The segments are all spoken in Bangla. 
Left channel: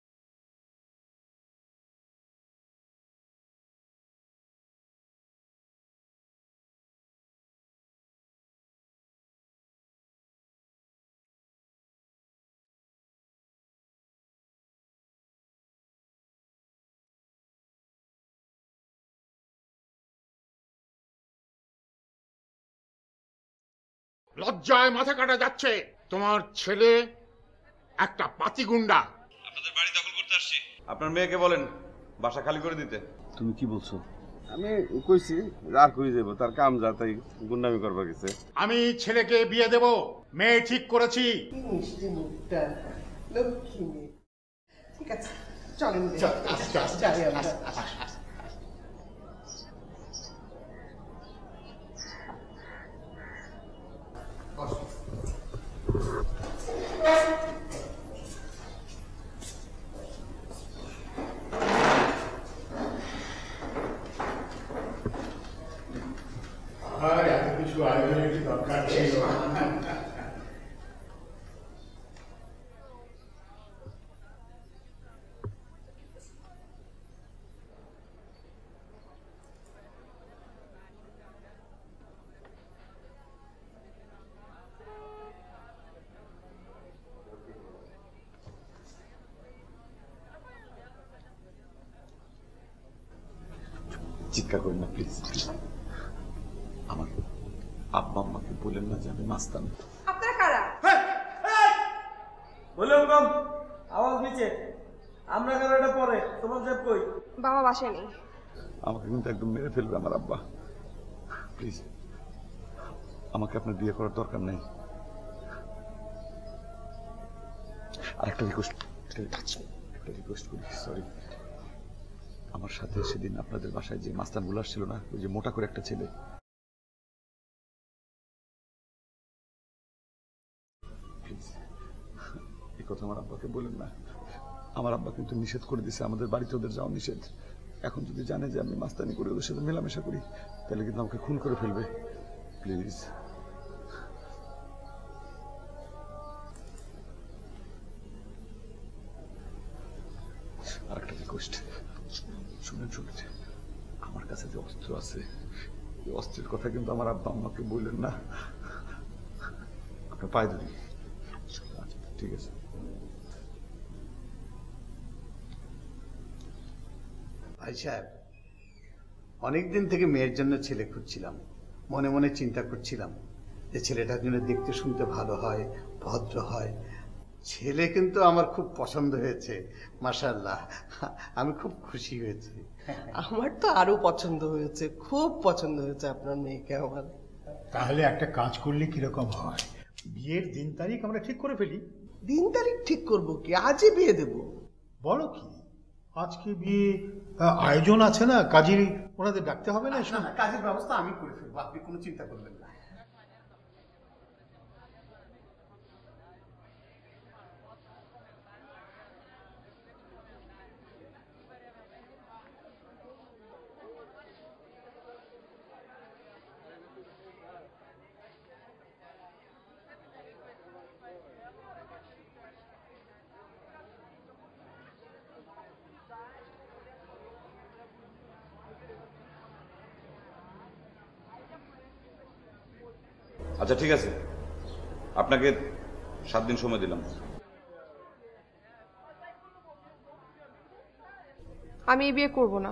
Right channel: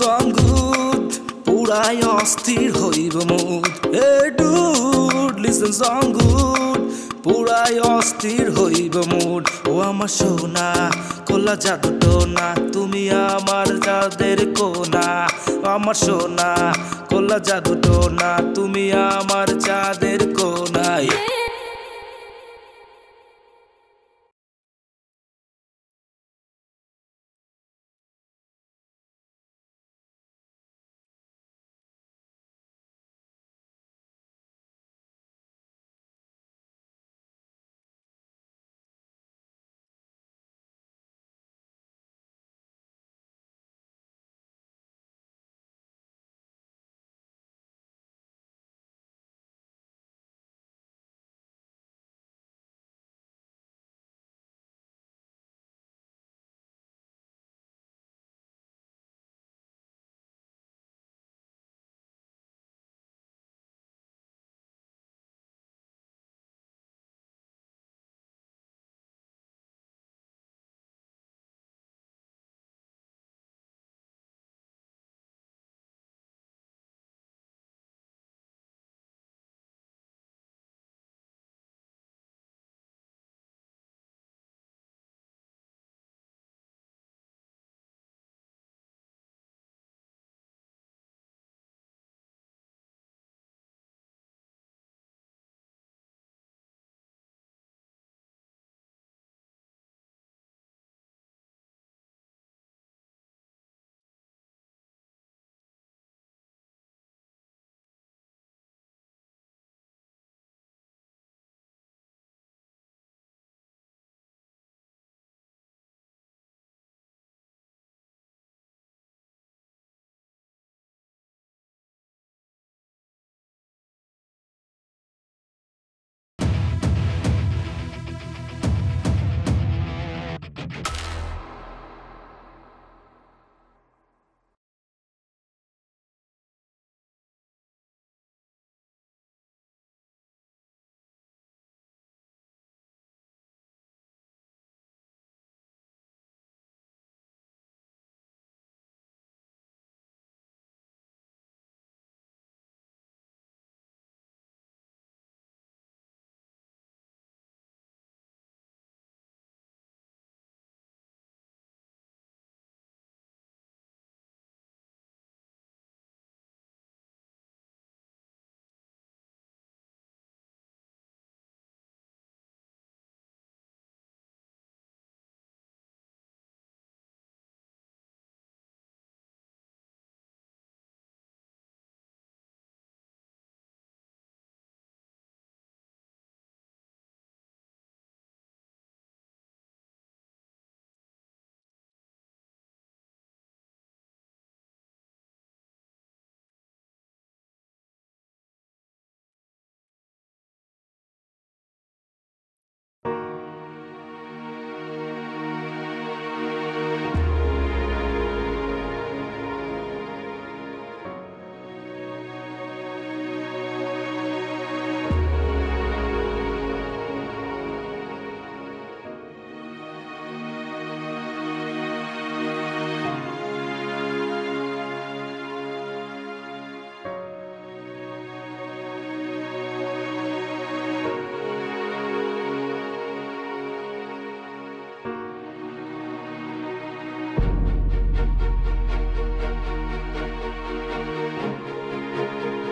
song good পুরাই অস্থির হইব মুড এ ডুড লিসেন song good পুরাই অস্থির হইব মুড ও আমার সোনা কোলা জাদু টোনা তুমি আমার চাঁদের কোনা আমার সোনা কোলা জাদু টোনা তুমি আমার চাঁদের কোনায় লজ্জায় মাথা কাটা যাচ্ছে তোমার ছেলে একটা পাতিগুন্ডা আপনাদের বাড়ি দখল করতে আসছি আপনার মেয়েকে বলেন বাসা খালি করে দিতে তুমি কি বলছো আমি কইছি আর কই যাব তার কাম যা তাই গুন্ডামি করবার গেছে আমি ছেলেকে বিয়ে দেব মেয়ে ঠিক করেছি মিষ্টি মুখটা লক্ষ্মী মেয়ে ঠিক আছে চলেন যাই আমরা কিছু আয়োজনের কি দরকার ছিল চিৎকার করেন না প্লিজ আমার আব্বা আম্মাকে বলেন না যে আমি মাস্তান আপনারা কারা বললাম কম আওয়াজ নিচে আমরা কেন এটা পরে তোমার সাহেব কই বাবা বাসায় নেই আমাকে কিন্তু একদম মেরে ফেলবে আমার আব্বা প্লিজ আমাকে আপনার বিয়ে করার দরকার নেই আর একটা রিকোয়েস্ট করি সরি আমার সাথে সেদিন আপনাদের বাসায় যে মাস্তানগুলো আসছিল না ওই যে মোটা করে একটা ছেলে এই কথা আমার আব্বাকে বলেন না আমার আব্বা কিন্তু নিষেধ করে দিছে আমাদের বাড়িতে ওদের যাওয়া নিষেধ এখন যদি জানে যে আমি মাস্তানি করে ওদের সাথে মেলামেশা করি তাহলে কিন্তু আমাকে খুন করে ফেলবে প্লিজ আর একটা রিকোয়েস্ট শুনেন আমার কাছে যে অস্ত্র আছে এই অস্ত্রের কথা কিন্তু আমার আব্বা আম্মাকে বললেন না আপনার পায়ে ধরি আচ্ছা ঠিক আছে ভাই সাহেব অনেকদিন থেকে মেয়ের জন্য ছেলে খুঁজছিলাম মনে মনে চিন্তা করছিলাম যে ছেলেটার জন্য দেখতে শুনতে ভালো হয় ভদ্র হয় ছেলে কিন্তু আমার খুব পছন্দ হয়েছে মাশাআল্লাহ আমি খুব খুশি হয়েছি আমার তো আরো পছন্দ হয়েছে খুব পছন্দ হয়েছে আপনার মেয়েকে আমার তাহলে একটা কাজ করলে কিরকম হয় বিয়ের দিন তারিখ আমরা ঠিক করে ফেলি দিন তারিখ ঠিক করব কি আজই বিয়ে দেব বলো কি আজকে বিয়ে আয়োজন আছে না কাজী ওনাদের ডাকতে হবে না না কাজের ব্যবস্থা আমি করে ফেলবো আপনি কোনো চিন্তা করবেন না আচ্ছা ঠিক আছে আপনাকে 7 দিন সময় দিলাম আমি বিয়ে করবো না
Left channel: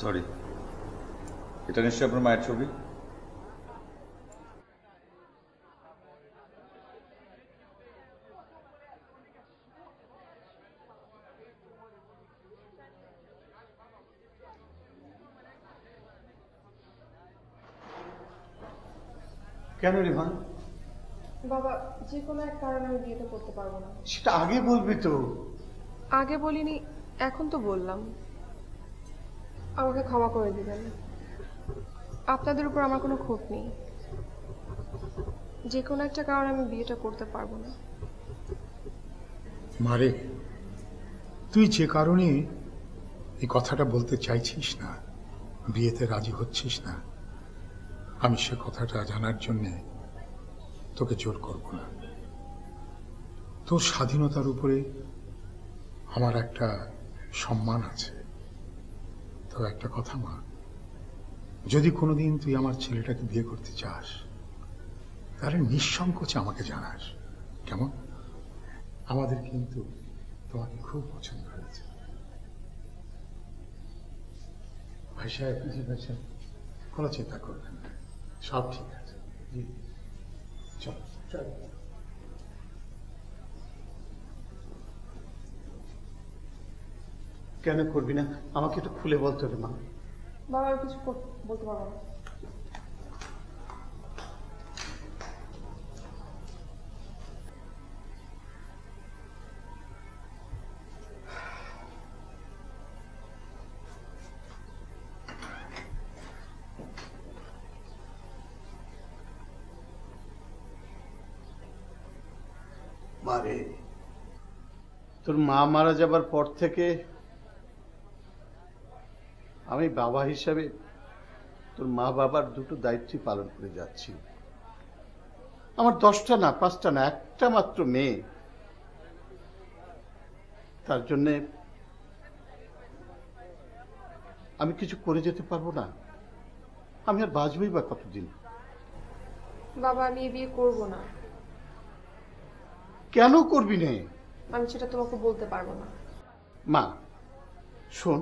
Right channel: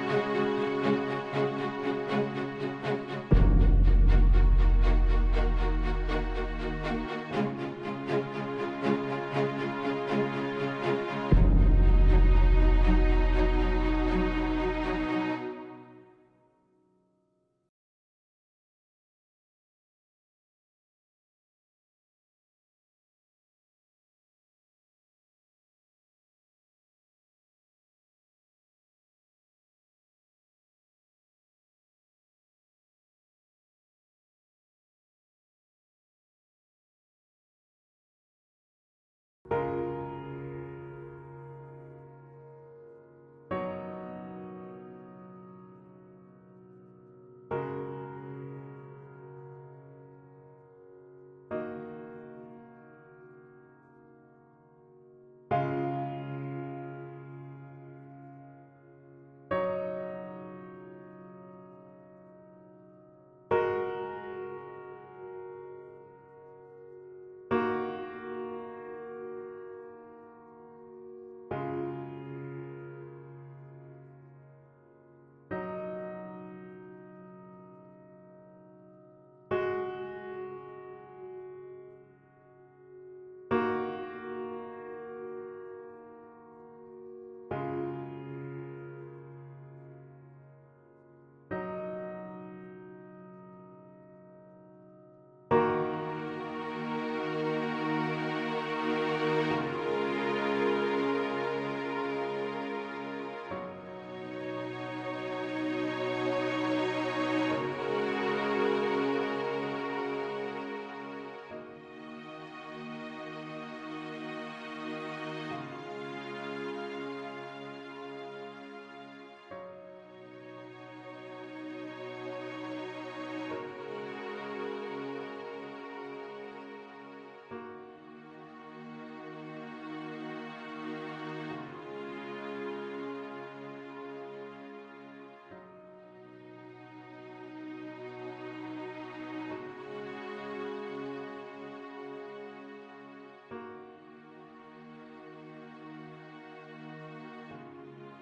সরি এটা নিশ্চয়ই আপনার মায়ের ছবি কেন রে মা? বাবা, যে কোনো এক কারণে আমি বিয়েটা করতে পারবো না। সেটা আগে বলবি তো। আগে বলিনি, এখন তো বললাম। আমাকে ক্ষমা করে দিবেন। আপনাদের উপর আমার কোনো ক্ষোভ নেই। যে কোনো একটা কারণে আমি বিয়েটা করতে পারবো না। মারে, তুই যে কারণে এই কথাটা বলতে চাইছিস না, বিয়েতে রাজি হচ্ছিস না, আমি সে কথাটা জানার জন্যে তোকে জোর করব না। তোর স্বাধীনতার উপরে আমার একটা সম্মান আছে। তো একটা কথা মা, যদি কোনোদিন তুই আমার ছেলেটাকে বিয়ে করতে চাস, তাহলে নিঃসংকোচে আমাকে জানাস, কেমন? আমাদের কিন্তু তোমাকে খুব পছন্দ হয়েছে। ভাই সাহেব বুঝে গেছেন, কোনো চিন্তা করবেন না, সব ঠিক আছে। চলো চলো। কেন করবি না? আমাকে একটু খুলে বলতে রে মা। বাবা, আর কিছু বলতে পারবো না। মারে, তোর মা মারা যাবার পর থেকে আমি বাবা হিসাবে তোর মা বাবার দুটো দায়িত্ব পালন করে যাচ্ছি। আমার 10টা না 5টা না, একটা মাত্র মেয়ে। তার জন্য আমি কিছু করে যেতে পারবো না? আমি আর বাঁচবই বা কতদিন? বাবা, আমি এই বিয়ে করবো না। কেন করবি না? আমি সেটা তোমাকে বলতে পারবো না। মা শোন,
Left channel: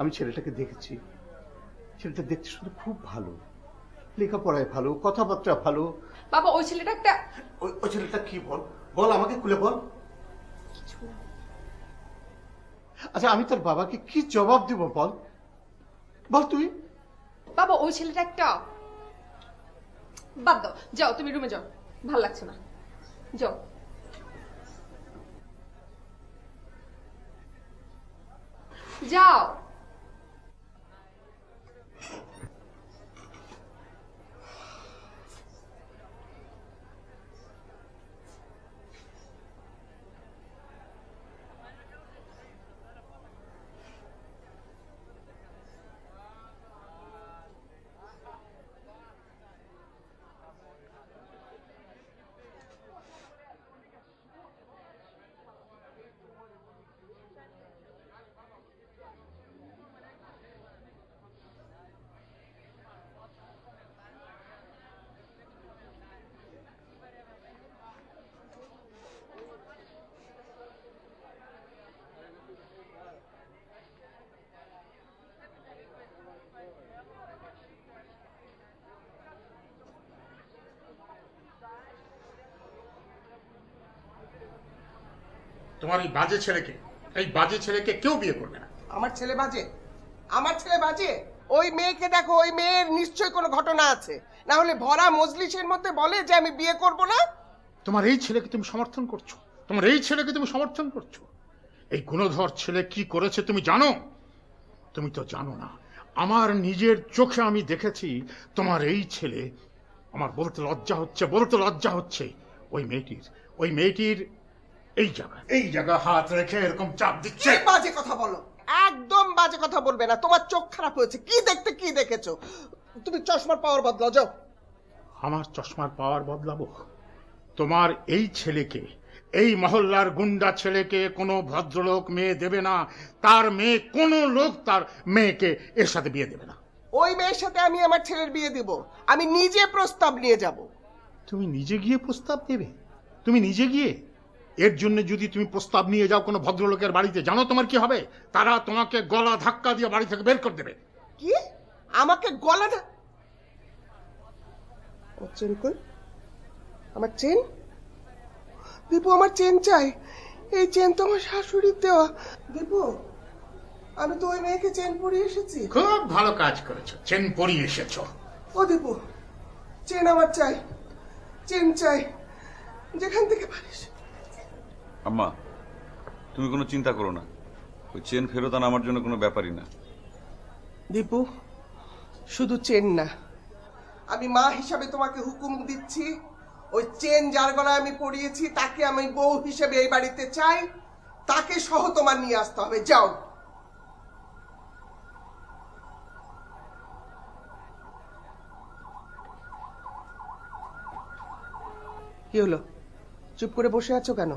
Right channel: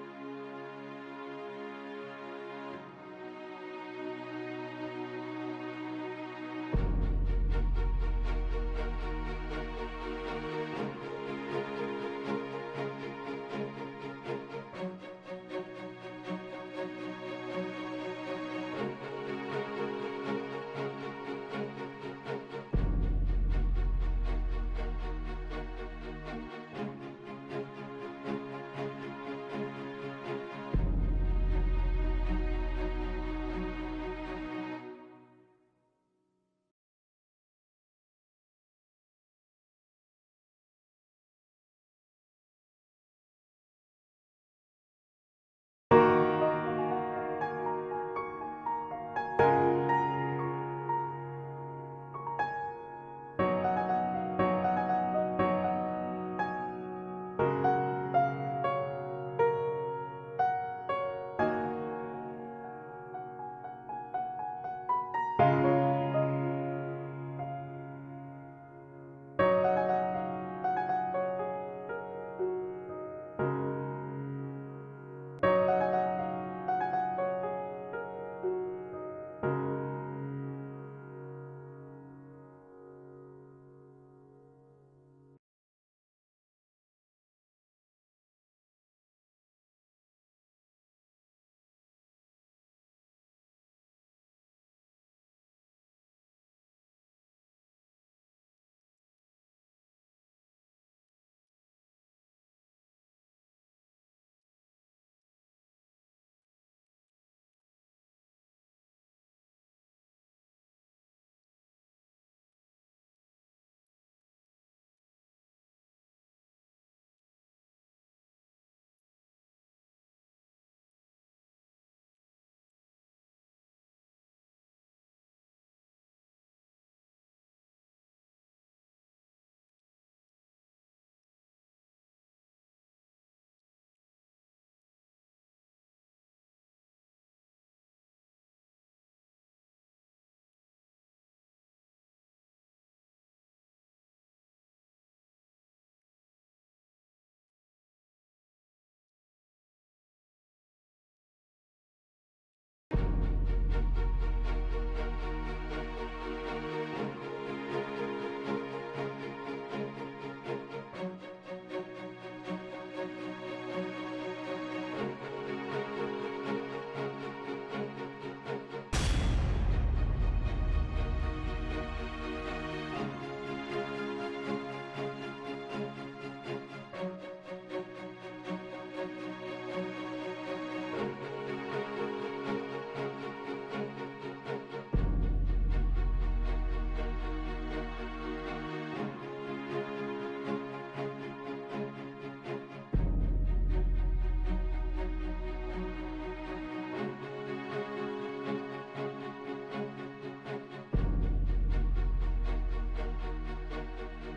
আমি ছেলেটাকে দেখেছি। ছেলেটা দেখতে শুনে খুব ভালো, লেখাপড়ায় ভালো, কথাবার্তা ভালো। বাবা, ওই ছেলেটা একটা... ওই ছেলেটা কি? বল বল, আমাকে খুলে বল। আচ্ছা, আমি তোর বাবাকে কি জবাব দিব? বল বল তুই। বাবা, ওই ছেলেটা একটা... বাদ দাও, যাও তুমি রুমে যাও, ভালো লাগছে না, যাও। যাও। তোমার এই বাজে ছেলেকে কেউ বিয়ে করবে না। আমার ছেলে বাজে? আমার ছেলে বাজে? ওই মেয়েকে দেখো, ওই মেয়ের নিশ্চয়ই কোনো ঘটনা আছে, না হলে ভরা মজলিসের মধ্যে বলে যে আমি বিয়ে করব না। তোমার এই ছেলেকে তুমি সমর্থন করছো। এই গুণধর ছেলে কি করেছে তুমি জানো? তুমি তো জানো না। আমার নিজের চোখে আমি দেখেছি তোমার এই ছেলে, আমার বলতে লজ্জা হচ্ছে, ওই মেয়েটির এই জায়গা হাত রেখে এরকম চাপ দিচ্ছে। বাজে কথা বলো, একদম বাজে কথা বলবে না। তোমার চোখ খারাপ হয়েছে। কি দেখেছো? তুমি চশমার পাওয়ার বদলাও, যাও। আমার চশমার পাওয়ার বদলাবো? তোমার এই ছেলেকে, এই মহল্লার গুন্ডা ছেলেকে কোনো ভদ্রলোক মেয়ে দেবে না। তার মেয়ে, কোনো লোক তার মেয়েকে এর সাথে বিয়ে দেবে না। ওই মেয়ের সাথে আমি আমার ছেলের বিয়ে দেব। আমি নিজে প্রস্তাব নিয়ে যাব। তুমি নিজে গিয়ে প্রস্তাব দেবে? তুমি নিজে গিয়ে? এর জন্য যদি তুমি প্রস্তাব নিয়ে যাও কোনো ভদ্রলোকের বাড়িতে, জানো তোমার কি হবে? তারা তোমাকে গলা ধাক্কা দিয়ে বাড়ি থেকে বের করে দেবে। কি? আমাকে গলা আমার চেন? দীপু, আমার চেন চাই। এই চেন তো আমার শাশুড়ির দেওয়া। দীপু, আমি তো ওই মেয়েকে চেন পরিয়ে এসেছি। খুব ভালো কাজ করেছো, চেন পরিয়ে এসেছো। ও দীপু, চেন আমার চাই। চেন চাই, যেখান থেকে পারিস। আম্মা, তুমি কোনো চিন্তা করো না, ওই চেন ফেরত আনা আমার জন্য কোনো ব্যাপারই না। দীপু, শুধু চেন না, আমি মা হিসাবে তোমাকে হুকুম দিচ্ছি, ওই চেন যার গলায় আমি পরিয়েছি তাকে আমি বউ হিসেবে এই বাড়িতে চাই, তাকে সহ তোমার নিয়ে আসতে হবে। যাও। কি হলো, চুপ করে বসে আছো কেন?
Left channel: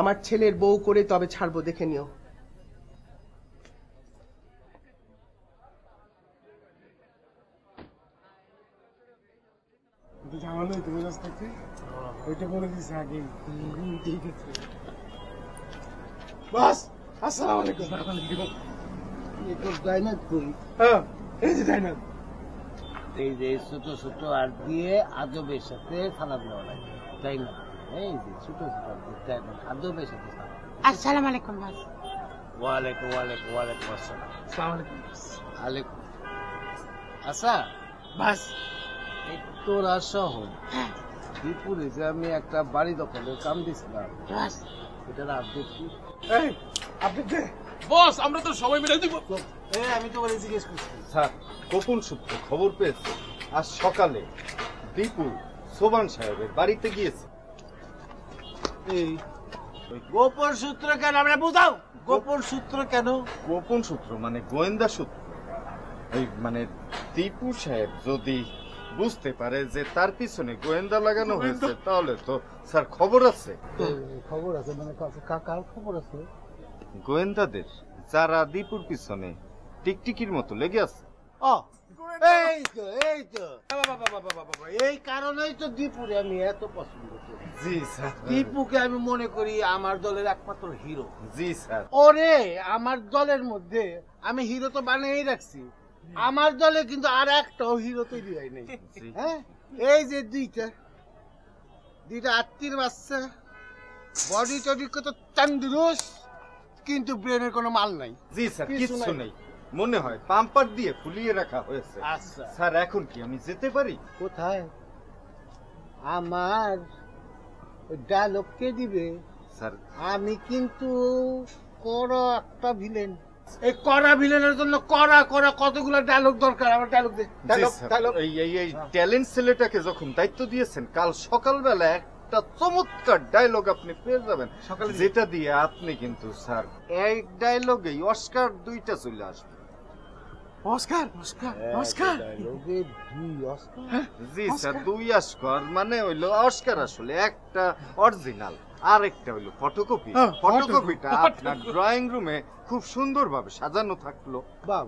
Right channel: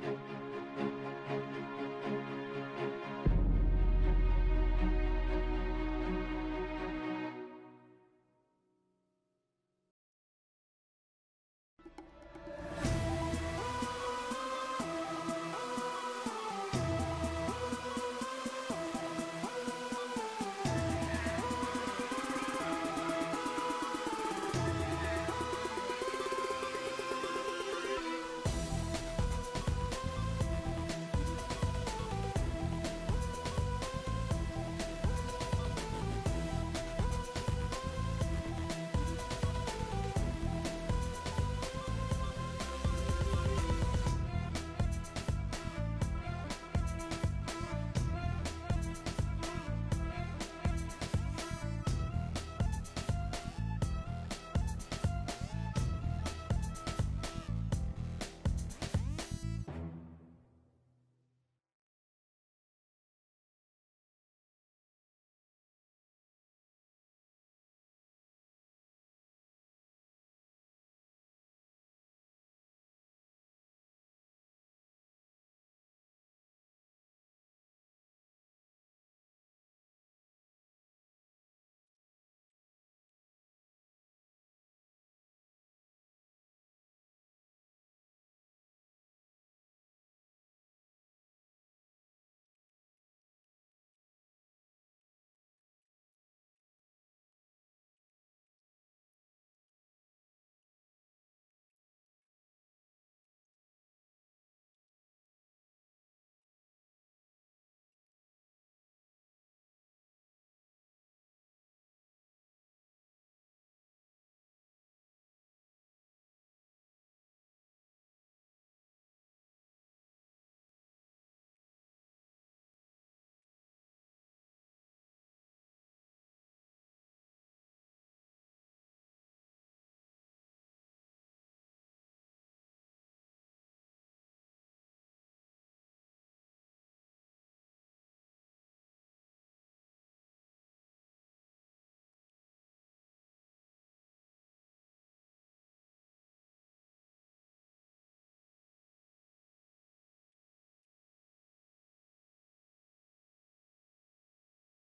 আমার ছেলের বউ করে তবে ছাড়বো, দেখে নিও। বাস, আসসালামু আলাইকুম। এই যে ছোট ছোট আর দিয়ে আদবের সাথে খেলাধুলা তাই না? এই যে আদবের সাথে। আসসালামু আলাইকুম। ওয়ালাইকুম ওয়ালাইকুম ওয়ালাইকুম আসসালাম। আলাইকুম। আচ্ছা বাস, তোরা সহ বিপুরে যে আমি একটা বাড়ি দখলে চাল দিচ্ছিলাম, এটা আপডেট কি? এই আপনি কে? বস, আমরা তো সবাই মিলে দিব। আমি তো বলে জিজ্ঞেস করছি। স্যার, গোপন সূত্রে খবর পেয়েছে আজ সকালে বিপুল সোবান সাহেবের বাড়িতে গিয়েছে। এই গোপন সূত্র কেন? আমরা বুঝাও গোপন সূত্র কেন? গোপন সূত্র মানে গোয়েন্দা সূত্র। এই মানে দীপু সাহেব যদি বুঝতে পারে যে তার পিছনে গোয়েন্দা লাগানো হয়েছে, তাহলে তো স্যার খবর আছে। খবর আছে মানে কার খবর আছে? গোয়েন্দাদের, যারা দীপুর পিছনে টিকটিকির মতো লেগে আছে। এই তো এই কারণেই তো দীপুরে আমি এত পছন্দ করি। জি স্যার। দীপুকে আমি মনে করি আমার দলের একমাত্র হিরো। জি স্যার। ওরে আমার দলের মধ্যে আমি হিরো তো বানিয়েই রাখছি, আমার দলে কিন্তু আর একটাও হিরো তৈরি হয় নাই। হ্যাঁ, এই যে দুইটা আত্মীর বাচ্চা, বডি টডি কত তন্দুরুস্ত, কিন্তু ব্রেনের কোনো মাল নাই। জি স্যার, কিচ্ছু নেই, মনে হয় পাম্পার দিয়ে ফুলিয়ে রাখা হয়েছে। আচ্ছা স্যার, এখন কি আমি যেতে পারি? কোথায়? আমার ডায়লগ কে দিবে? স্যার, আমি কিন্তু কড়া একটা ভিলেন। এই কড়া ভিলেনের জন্য কড়া কতগুলো ডায়লগ দরকার। আমার ডায়লগ দে। ডায়লগ এই ট্যালেন্ট ছেলেটাকে যখন দায়িত্ব দিয়েছেন, কাল সকালবেলা একটা চমৎকার ডায়লগ আপনি পেয়ে যাবেন, যেটা দিয়ে আপনি কিন্তু স্যার এক ডায়লগেই অস্কার 2টা চলে আসবে। অস্কার? ডায়লগে 2 অস্কার? জি স্যার, 2 অস্কার মানে হইলো অস্কার আসলে একটা অরিজিনাল, আর একটা হইলো ফটোকপি। ফটোকপিটা আপনার ড্রয়িং রুমে খুব সুন্দরভাবে সাজানো থাকলো। বাহ,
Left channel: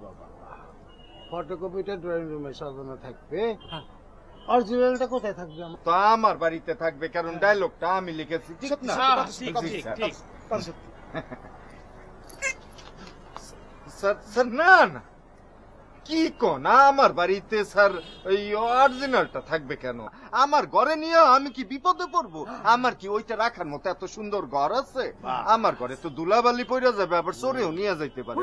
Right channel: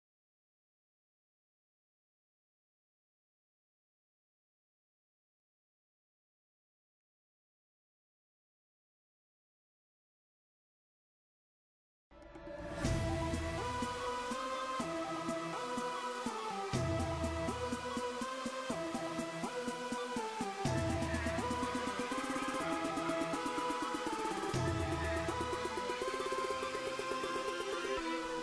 ফটোকপিটা ড্রয়িং রুমে সাজানো থাকবে, অরিজিনালটা কোথায় থাকবে? তো আমার বাড়িতে থাকবে, কারণ ডায়লগটা আমি লিখেছি, ঠিক না? স্যার না না, কি কোন, আমার বাড়িতে স্যার এই অরিজিনালটা থাকবে কেন? আমার ঘরে নিয়ে আমি কি বিপদে পড়বো? আমার কি ওইটা রাখার মতো এত সুন্দর ঘর আছে? আমার ঘরে তো ধুলাবালি পড়ে যাবে, আবার চোরেও নিয়ে যাইতে পারে।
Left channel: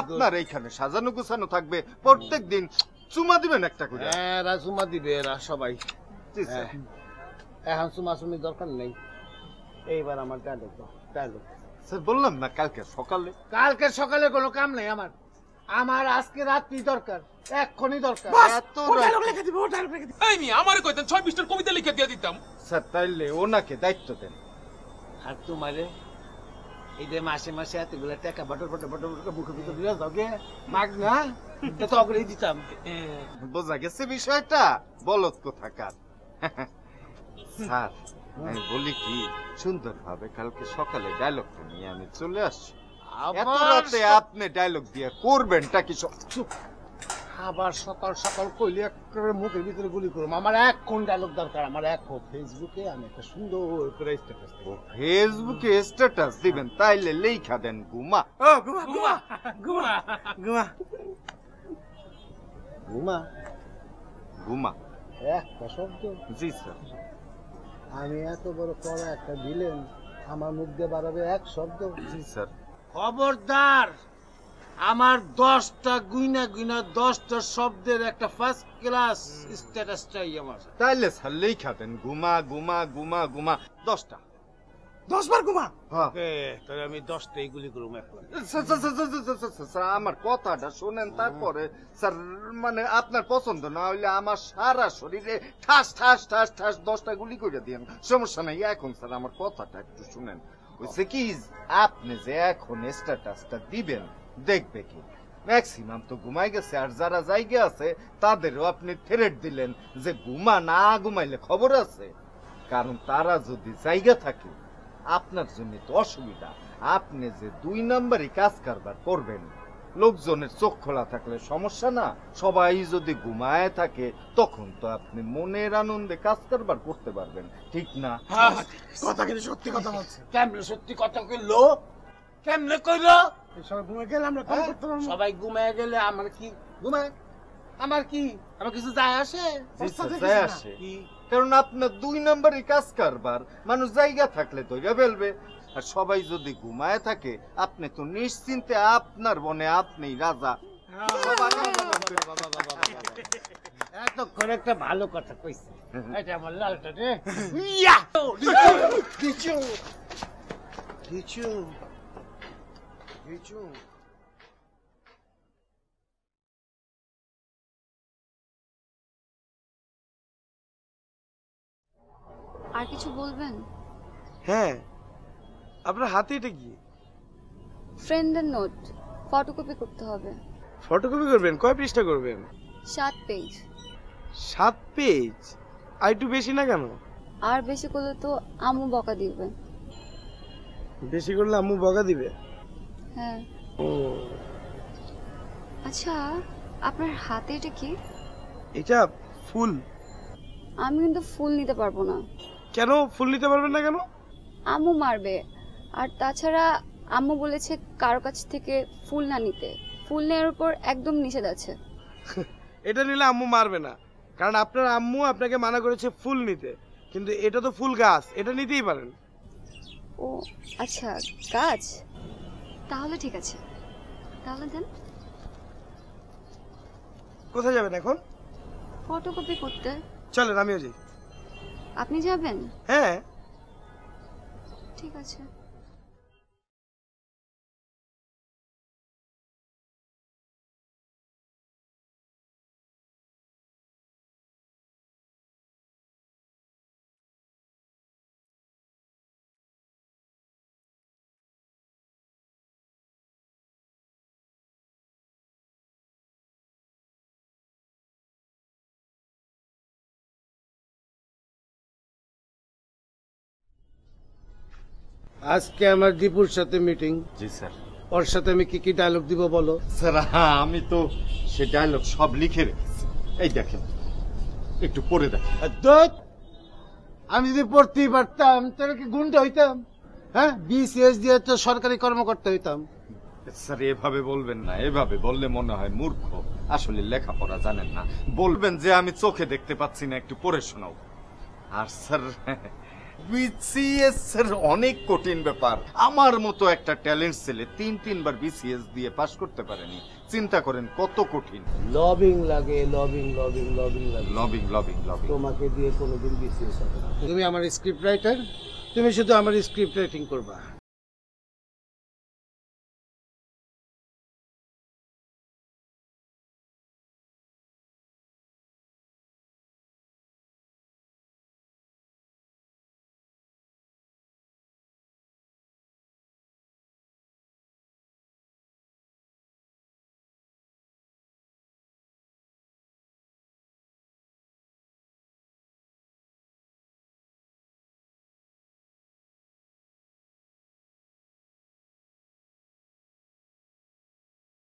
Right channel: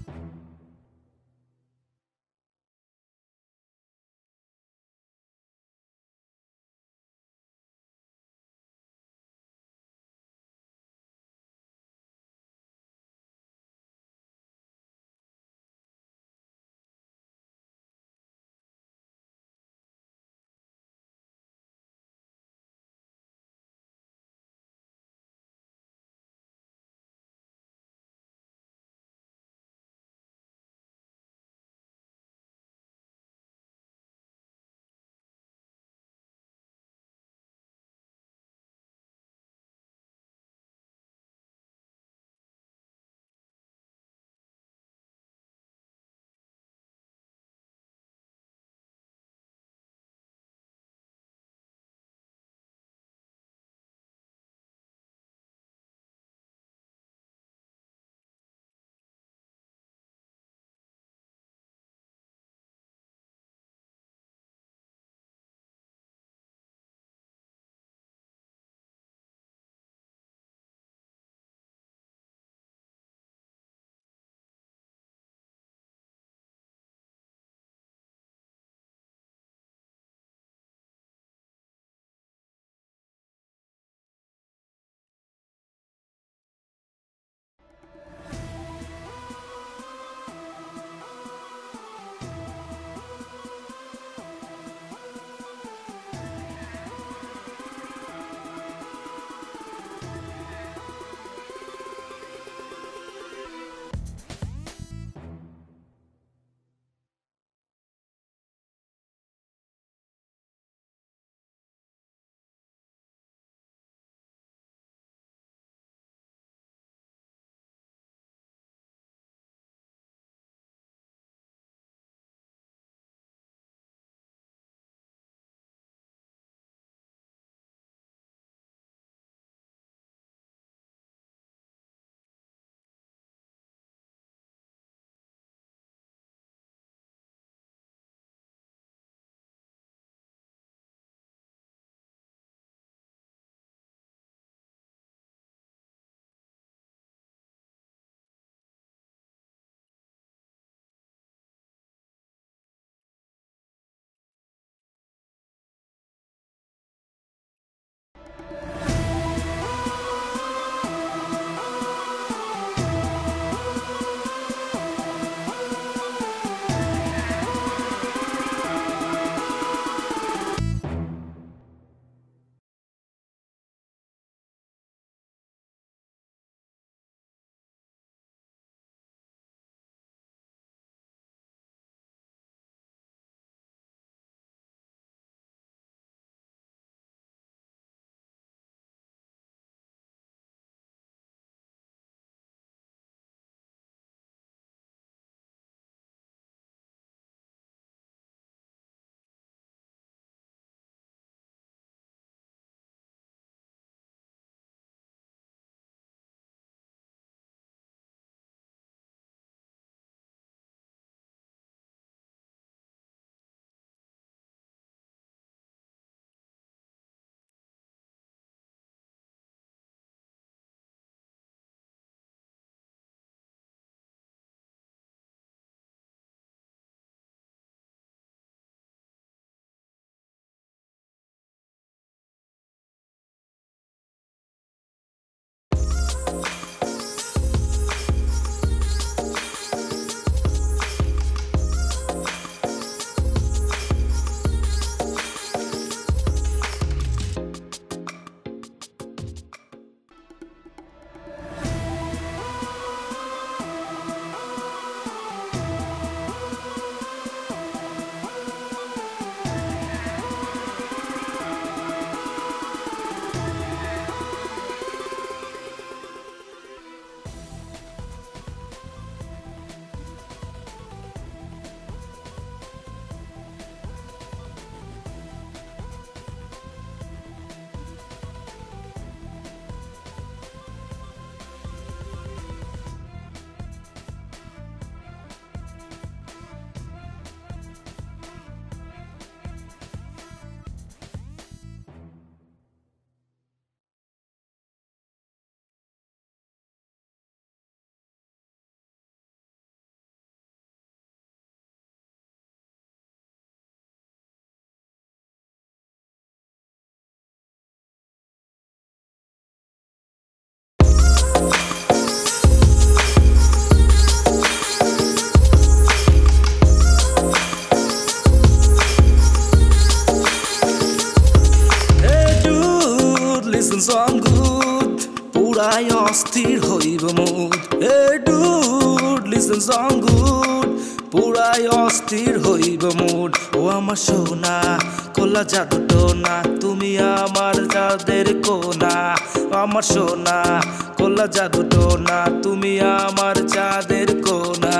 আপনার এইখানে সাজানো গোছানো থাকবে, প্রত্যেক দিন চুমা দিবেন একটা করে। এরা চুমা দিবে, এরা সবাই। এখন চুমাচুমির দরকার নেই, এইবার আমার ডায়লগ। স্যার, বললাম না কালকে সকালে কোনো কাম নেই আমার, আজকে রাত্রি দরকার, এক্ষুনি দরকার। আমারে কইতেন 6 পৃষ্ঠার কবিতা লিখে দিয়ে দিতাম। স্যার, তাইলে ওনাকে দায়িত্ব দেন। আর তোমারে এই যে মাসে মাসে এতগুলো টাকা বটর মুখের ভিতর দিয়ে যাও গে মাগ না, তো অগ্রেই দিতাম। বোঝা গেছে বিষয়টা, বলত কোথাকার। স্যার, আমি বলি কি, সুন্দরভাবে কালকে সকালে ডায়লগটা নিয়ে আমি চলে আসছি। এত রাতে আপনি ডায়লগ দিয়ে করবেনটা কি? আবার সকাল সকাল কইলে একেবারে মুখের ভিতরে গুলি করুম। আমার এখন ডায়লগ দরকার, আমার এখন ফেসবুকে আমি একটা সুন্দর করে স্ট্যাটাস দেব। ফেসবুকে স্ট্যাটাস দিবেন? তাইলে লেখা দেন গুমা। গুমা একটা শব্দ? জি স্যার। আমি এত বড় পড়া একটা দিলেন, আমার মুখ দিয়ে বাড়াবে এক শব্দ? জি স্যার। খবরদার আমার 10টা গুইনা 10টা শব্দের একটা ফার্স্ট ক্লাস স্ট্যাটাস চাই আমার। তাইলে স্যার লেখা দেন ঘুমা ঘুমা ঘুমা ঘুমা 10টা। 10 বার ঘুমা? ওকে, তাহলে আমি 10টাই গুলি করব। স্যার আমার কথাটা শুনেন তারপরে স্যার, মানে আপনার পছন্দ না হইলে আমার সারা শরীরে ঠাস ঠাস ঠাস ঠাস 10টা গুলি করে দিন, সমস্যা নাই। এখন স্যার আমার কথাটা শুনেন, কি আপনি যে এখন স্ট্যাটাসটা দিবেন দেখবে ম্যাক্সিমাম তো ঘুমাই গেছে, আর যারা জায়গা আছে তাদেরও আপনি থ্রেট দিলেন যে ঘুমা না ঘুমাইলে খবর আছে, কারণ তারা যদি জায়গা থাকে আপনার জন্য তো অসুবিধা। আপনি যে 2 নম্বরই কাজ কারবার করবেন, লোকজনের চোখ খোলা থাকলে সমস্যা না, সবাই যদি ঘুমায় থাকে তখন তো আপনি মনের আনন্দে কাজ কারবার করতে পারবেন, ঠিক না? কথা কিন্তু সত্যি কথা বলছে। কেমনে সত্যি কথা কইলো? কেমনে কইলো? সবাই ঘুমায় গেলে আমরা কাম করতে পারবো? সবাই ঘুমায় গেলে আমার কি ঘুমায়? আমার কি? আমার কিছু যায় আসে? যায় আসে, কারণ আপনার 2 নম্বরই কাজ কারবার, মানুষ জায়গা থাকলে তৈরি ফেলবে, আর সবাই যদি ঘুমায় থাকে আপনি তো নিশ্চিন্তে আপনার বনে আপনিই রাজা। এতক্ষণ একটা ভালো কথা কইছে, এটা আমার লালটা রে। আর কিছু বলবেন? হ্যাঁ, আপনার হাতে এটা কি? ফ্রেন্ডের নোট, ফটোকপি করতে হবে। ফটোকপি করবেন? কয় পৃষ্ঠা করবেন? 7 পেজ। 7 পেজ? আর একটু বেশি না কেন? আর বেশি করলে তো আম্মু বকা দিবে। বেশি করলে আম্মু বকা দিবে? হ্যাঁ। ও আচ্ছা, আপনার হাতে এটা কি? এটা ফুল। আমি কিন্তু ফুল নিতে পারবো না। কেন ফুল নিতে পারবেন না কেন? আম্মু মারবে, আর তাছাড়া আম্মু বলেছে কারো কাছ থেকে ফুল না নিতে, ফুল নেওয়ার উপর একদম নিষেধ আছে। এটা নিলে আম্মু মারবে না, কারণ আপনার আম্মু আপনাকে মানা করেছে ফুল নিতে, কিন্তু এটা তো ফুল গাছ, এটা নিতেই পারেন। ও আচ্ছা, গাছ, তাহলে ঠিক আছে, তাহলে দেন। কোথায় যাবেন এখন? ফটোকপি করতে। চলেন, আমিও যাই। আপনি যাবেন? হ্যাঁ। ঠিক আছে। আজকে আমার দীপুর সাথে মিটিং। জি স্যার। ওর সাথে আমি কি কি ডায়লগ দিব বলো? স্যার আমি তো সে ডায়লগ সব লিখে রেখেছি, এই দেখেন, একটু পড়ে দেখেন। আমি যদি পড়তেই পারতাম তাহলে কি গুন্ডা হইতাম? হ্যাঁ, বিসিএস দিয়ে তো সরকারি কর্মকর্তা হইতাম। স্যার এভাবে বলবেন না, এভাবে বললে মনে হয় মূর্খ, আসলে লেখাপড়া জানেন না। বলবেন যে আমি চোখে দেখতে পাচ্ছি না, একটু পড়ে শোনাও। আর স্যার বিসিএস অনেক কঠিন ব্যাপার, আমার মতো একটা ট্যালেন্ট ছেলে 3বার বিসিএস দিয়ে পাশ করতে পারেনি, চিন্তা করেন কত কঠিন। লবিং লাগে, লবিং লবিং লবিং লাগে, লবিং লবিং লবিং। তোমাকে দিয়ে কোনোদিন বিসিএস হবে না। তুমি আমার স্ক্রিপ্ট রাইটার, তুমি শুধু আমার স্ক্রিপ্ট রাইটিং করবা। Listen song good, পুরাই অস্থির হইব mood. Hey dude, listen song good, পুরাই অস্থির হইব মুড। ও আমার সোনা, কোলা জাদু টোনা, তুমি আমার জাদের কোনা। আমার সোনা, কোলা জাদু টোনা, তুমি আমার চাঁদের কোনা।